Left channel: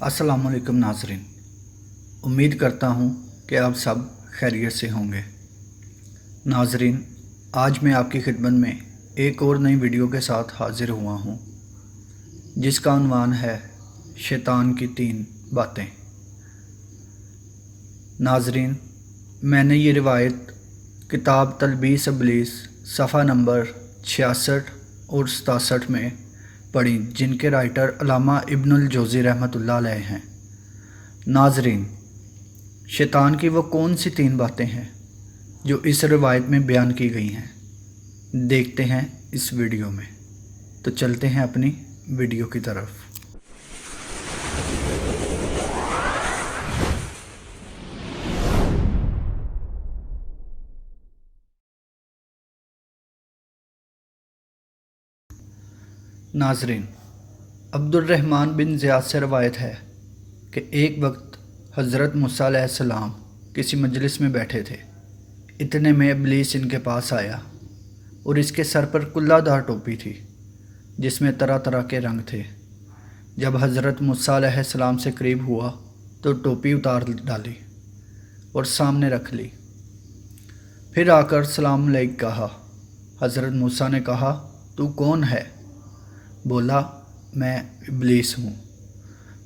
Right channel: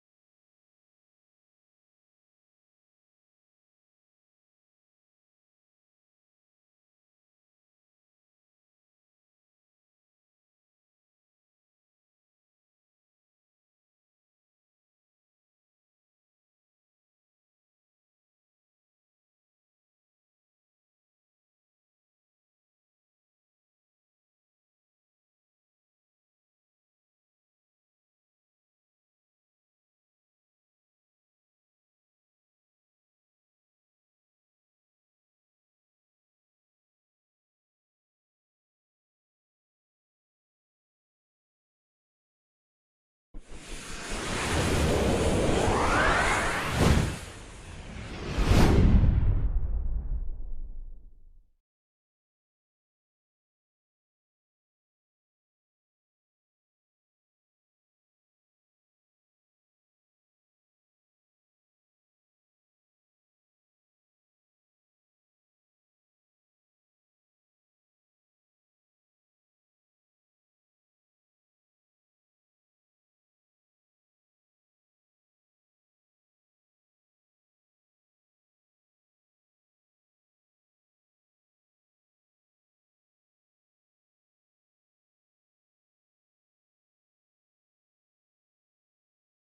अस्सलाम वालेकुम नाज़रीन। उम्मीद करता हूँ कि आप सब खैरियत से होंगे। नाज़रीन, आज मैं आपकी खिदमत में एक और नई वीडियो के साथ हाज़िर हुआ हूँ, जिसका उन्वान है शैतान की 3 बातें। नाज़रीन, मैंने ये रिवायत किताब तलबीस इब्लीस सफ़ा नंबर 66 और 67 में पढ़ी, जिनके राइटर अल्लामा इब्नुल जौज़ी रहमतुल्लाह अलैह हैं। नाज़रीन, शैतान की वो कौन सी 3 बातें हैं जो इस रिवायत में बयान की गई हैं, देखते हैं इस वीडियो में। तो चलते हैं अपनी वीडियो की तरफ। नाज़रीन, अब्दुर्रहमान बिन ज़ियाद से रवायत है कि एक वक्त हज़रत मूसा अलैहिस्सलाम किसी मजलिस में बैठे थे। इतने में इब्लीस इनके पास आया और इसके सर पर कुल्लादार टोपी थी, जिसमें तरह तरह के रंग थे। जब हज़रत मूसा अलैहिस्सलाम से करीब हुआ तो टोपी उतार डाली और सामने रख ली। फिर आकर सलाम अलैक कहा। हज़रत मूसा ने कहा, तू कौन है? बोला, मैं इब्लीस हूँ।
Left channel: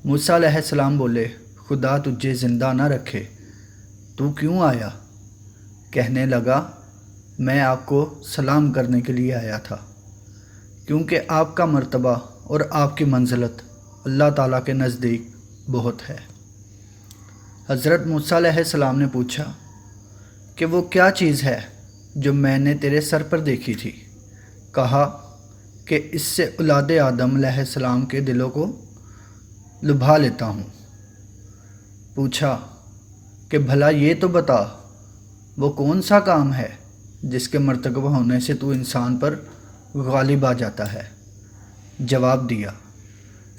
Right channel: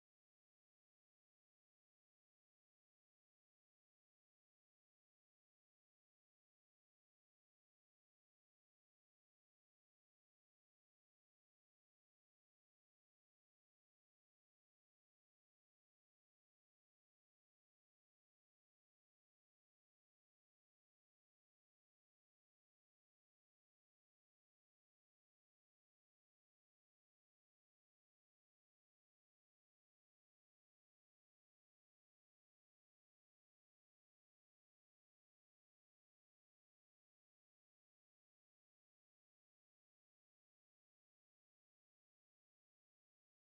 मूसा अलैहिस्सलाम बोले, खुदा तुझे ज़िंदा न रखे, तू क्यों आया? कहने लगा, मैं आपको सलाम करने के लिए आया था, क्योंकि आपका मर्तबा और आपकी मंजिलत अल्लाह ताला के नज़दीक बहुत है। हज़रत मूसा अलैहिस्सलाम ने पूछा कि वो क्या चीज़ है जो मैंने तेरे सर पर देखी थी? कहा कि इससे औलादे आदम अलैहिस्सलाम के दिलों को लुभा लेता हूँ। पूछा कि भला ये तो बता, वो कौन सा काम है जिसके मर्तकब होने से तू इंसान पर गालिब आ जाता है? जवाब दिया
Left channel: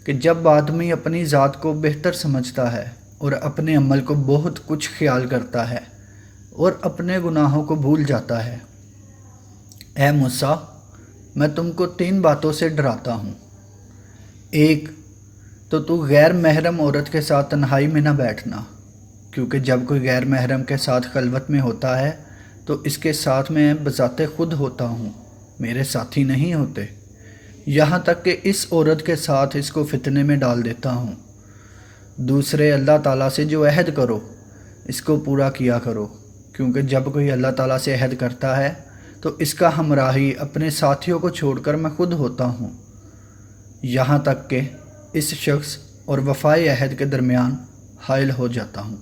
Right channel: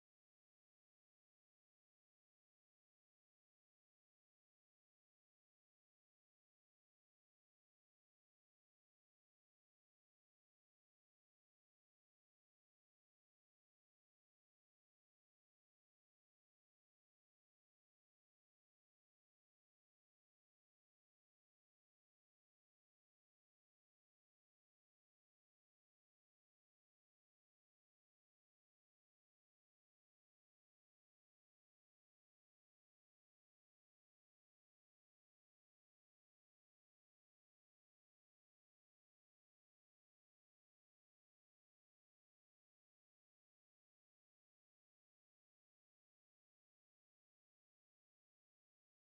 कि जब आदमी अपनी ज़ात को बेहतर समझता है और अपने अमल को बहुत कुछ ख्याल करता है और अपने गुनाहों को भूल जाता है। ऐ मूसा, मैं तुमको 3 बातों से डराता हूँ। एक तो तू गैर महरम औरत के साथ तन्हाई में न बैठना, क्योंकि जब कोई गैर महरम के साथ खलवत में होता है तो इसके साथ मैं बज़ाते खुद होता हूँ, मेरे साथी नहीं होते। यहाँ तक कि इस औरत के साथ इसको फितने में डाल देता हूँ। दूसरे, अल्लाह ताला से जो अहद करो इसको पूरा किया करो, क्योंकि जब कोई अल्लाह ताला से अहद करता है तो इसका हमराही अपने साथियों को छोड़कर मैं खुद होता हूँ, यहाँ तक कि इस शख्स और वफ़ाए अहद के दरमियान हाइल हो जाता हूँ।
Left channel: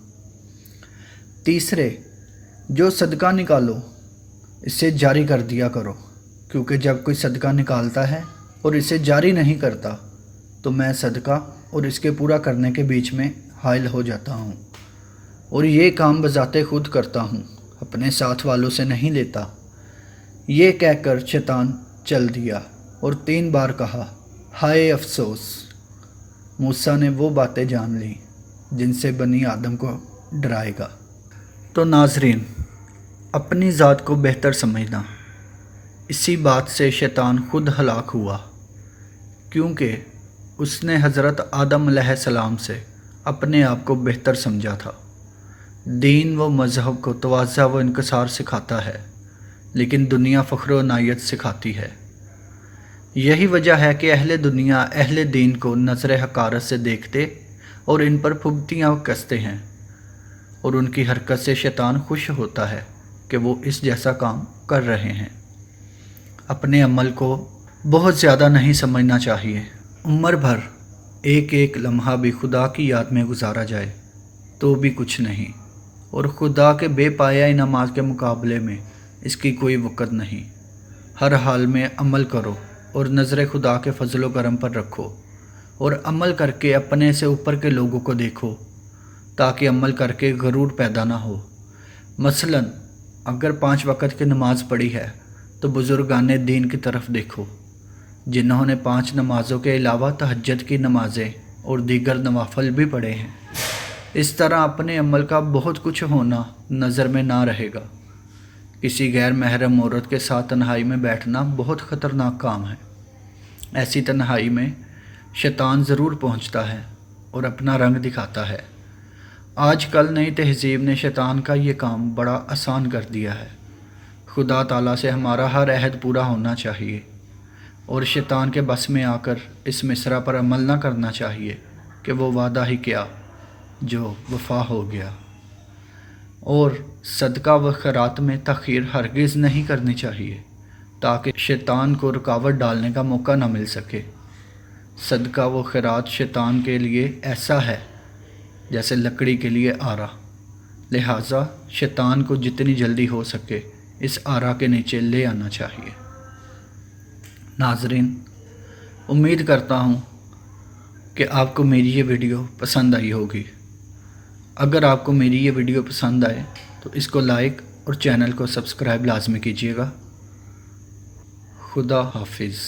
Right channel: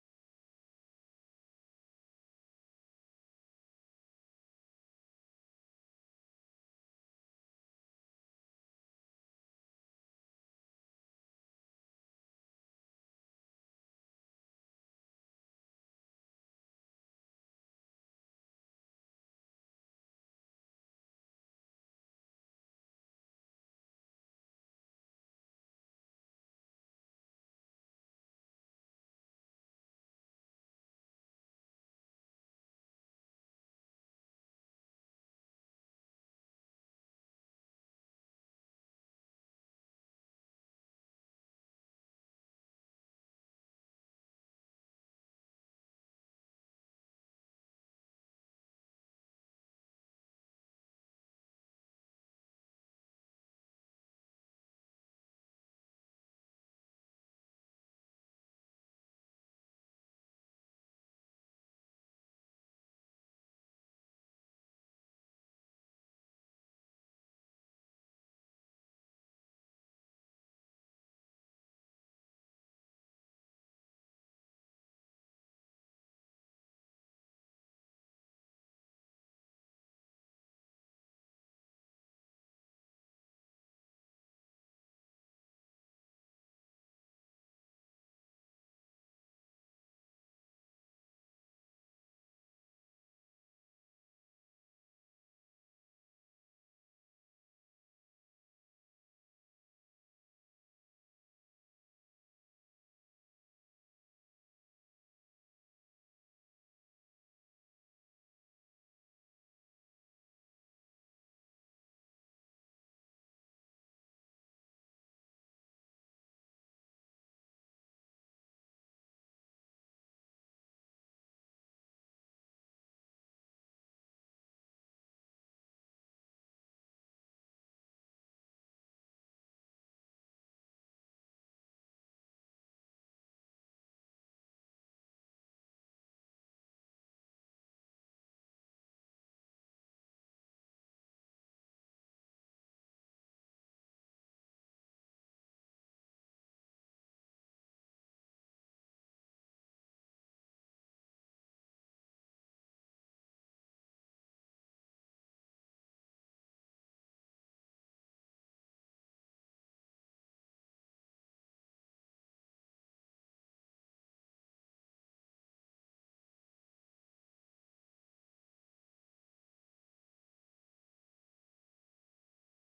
तीसरे, जो सदका निकालो इसे जारी कर दिया करो, क्योंकि जब कोई सदका निकालता है और इसे जारी नहीं करता तो मैं सदका और इसके पूरा करने के बीच में हाइल हो जाता हूँ, और ये काम बज़ाते खुद करता हूँ, अपने साथ वालों से नहीं लेता। ये कहकर शैतान चल दिया और 3 बार कहा, हाय अफसोस। मूसा ने वो बातें जान ली जिनसे बनी आदम को डराएगा। तो नाज़रीन, अपनी ज़ात को बेहतर समझना, इसी बात से शैतान खुद हलाक हुआ, क्योंकि उसने हज़रत आदम अलैहिस्सलाम से अपने आप को बेहतर समझा था। दीन व मज़हब को तवाज़ा व इनकसार सिखाता है, लेकिन दुनिया फ़ख्र व नायत सिखाती है। यही वजह है कि अहले दुनिया अहले दीन को नज़र हकारत से देखते और इन पर फुब्तियाँ कसते हैं, और उनकी हरकत से शैतान खुश होता है कि वो इस जैसा काम कर रहे हैं। अपने अमल को बहुत ज़्यादा नहीं समझना चाहिए। उम्र भर एक एक लम्हा भी खुदा की याद में गुजारा जाए तो भी कुछ नहीं, और खुदा के बेपाया इनामात के मुकाबले में इसकी कोई वक़्त नहीं। हर हाल में अमल करो और नज़र खुदा के फजल व करम पर रखो, और अमल करके अपने से ऊपर के लोगों को देखो, ताकि अमल करके गरूर पैदा ना हो। मसलन अगर 5 वक़्त की नमाज़ पढ़ी है तो बुज़ुर्गाने दीन की तरफ देखो, जिन्होंने 5 नमाज़ों के अलावा तहज्जुद की नमाज़ें और दीगर नवाफल भी पढ़े हैं। इस तरह अपने अमल का बहुत कुछ होना नज़र में ना रहेगा। किसी गैर महरम औरत के साथ तन्हाई में बैठना बहुत ख़तरनाक काम है। ऐसी तन्हाई में शैतान ज़रूर पहुंचता है, اور اپنا رنگ دکھاتا ہے۔ آج کل نئی تہذیب نے شیطان کا یہ کام بڑا آسان کر دیا ہے۔ خدا تعالیٰ سے ہمارا ہر عہد پورا ہونا چاہیے اور شیطان کے بس میں آ کر اس مصرع پر عمل نہ کرنا چاہیے کہ وہ وعدہ ہی کیا جو وفا ہو گیا، اور صدقہ و خیرات میں تاخیر ہرگز نہیں کرنی چاہیے تاکہ شیطان کو رکاوٹ ڈالنے کا موقع نہ مل سکے۔ صدقہ و خیرات شیطان کے لیے ایسا ہے جیسے لکڑی کے لیے آرا، لہٰذا شیطان کو جتنی جلدی ہو سکے اس آرا کے نیچے لے آنا چاہیے۔ ناظرین، امید کرتا ہوں کہ آپ کو میری یہ ویڈیو پسند آئی ہوگی۔ اگر آپ کو میری یہ ویڈیو پسند آئے تو اس کو لائک اور چینل کو سبسکرائب لازمی کیجیے گا۔ خدا حافظ۔